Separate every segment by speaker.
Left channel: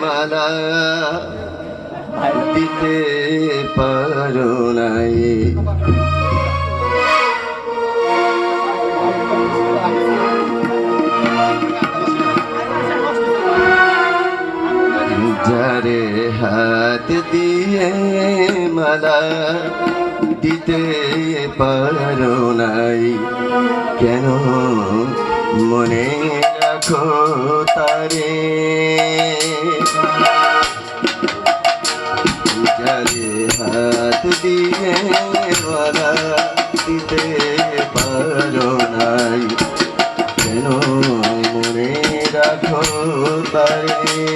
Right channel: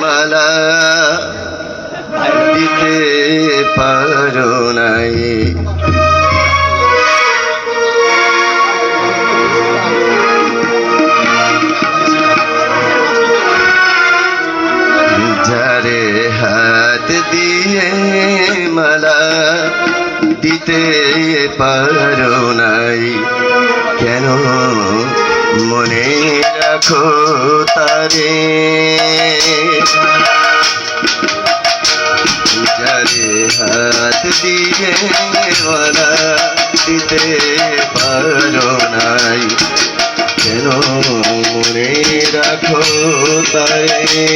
Speaker 1: মালা দিতে পারো নাই। যারে হাত দিয়ে মালা দিতে পারো নাই কেন মনে রাখো তারে। যারে হাত দিয়ে মালা দিতে পারো নাই। কেন মনে রাখো তারে?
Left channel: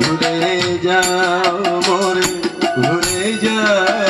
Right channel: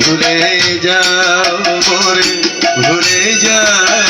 Speaker 1: ভুলে যাও মোরে, ভুলে যাও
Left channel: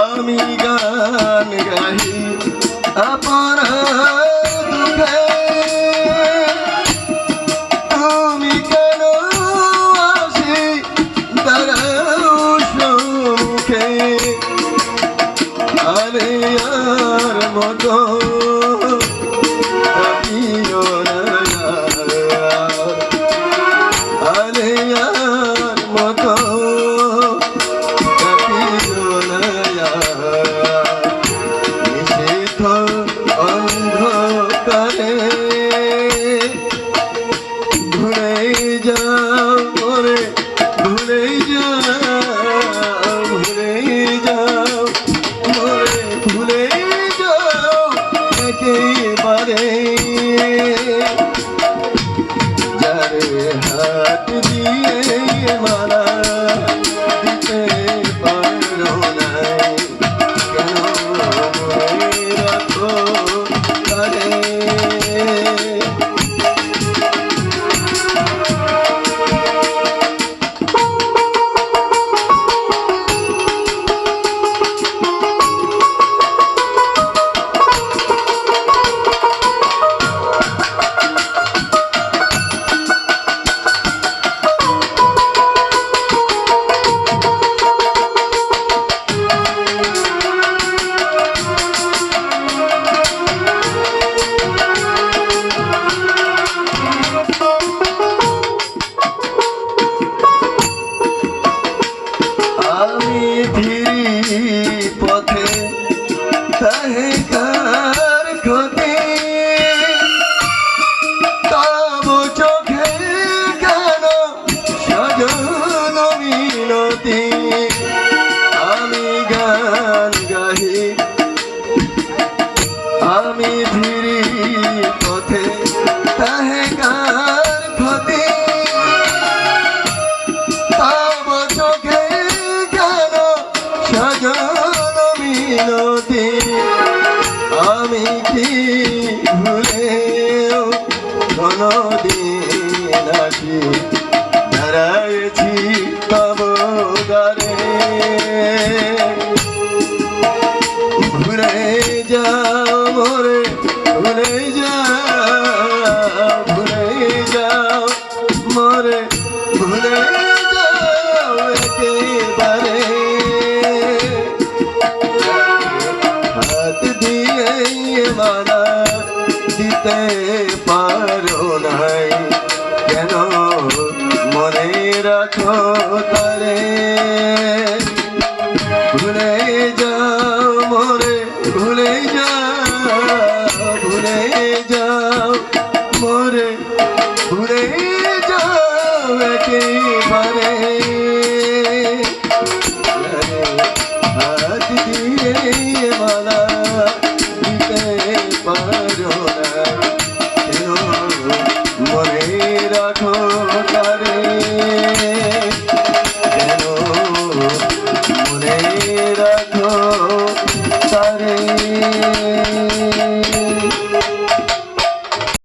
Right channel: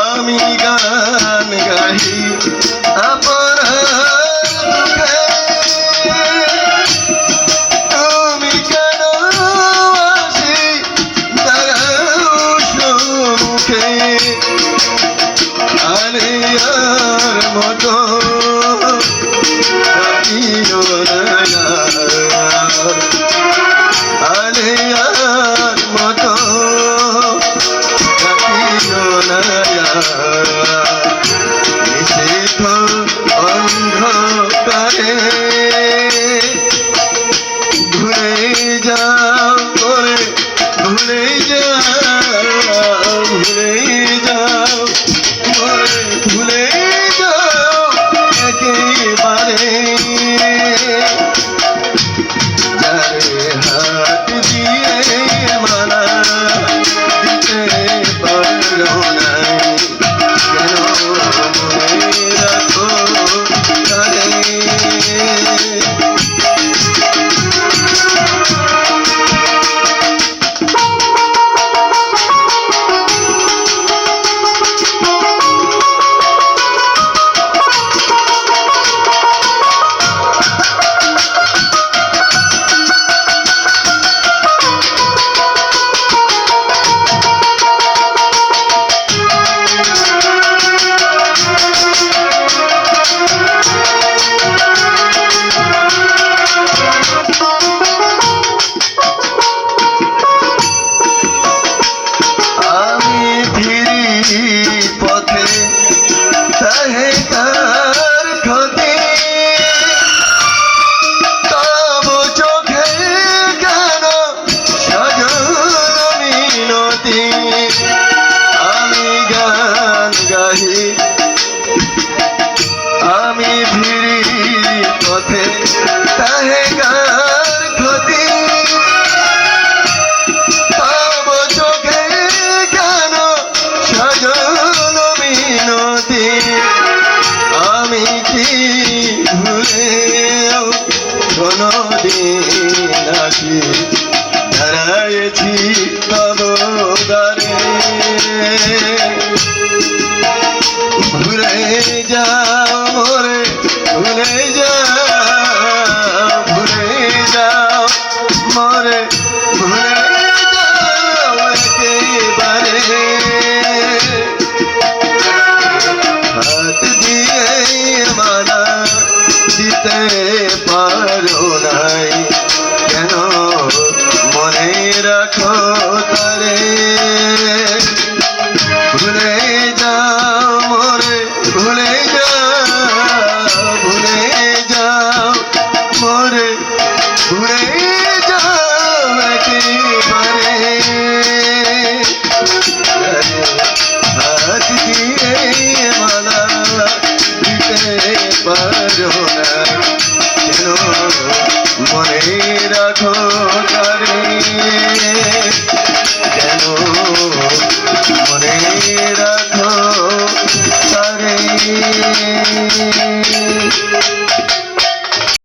Speaker 1: আমি গান গাহি আপনার but কোনো দিন আছি হারাইছি তব দ্বারে। ভুলে যাও মোরে ভুলে যাও রাখো। তার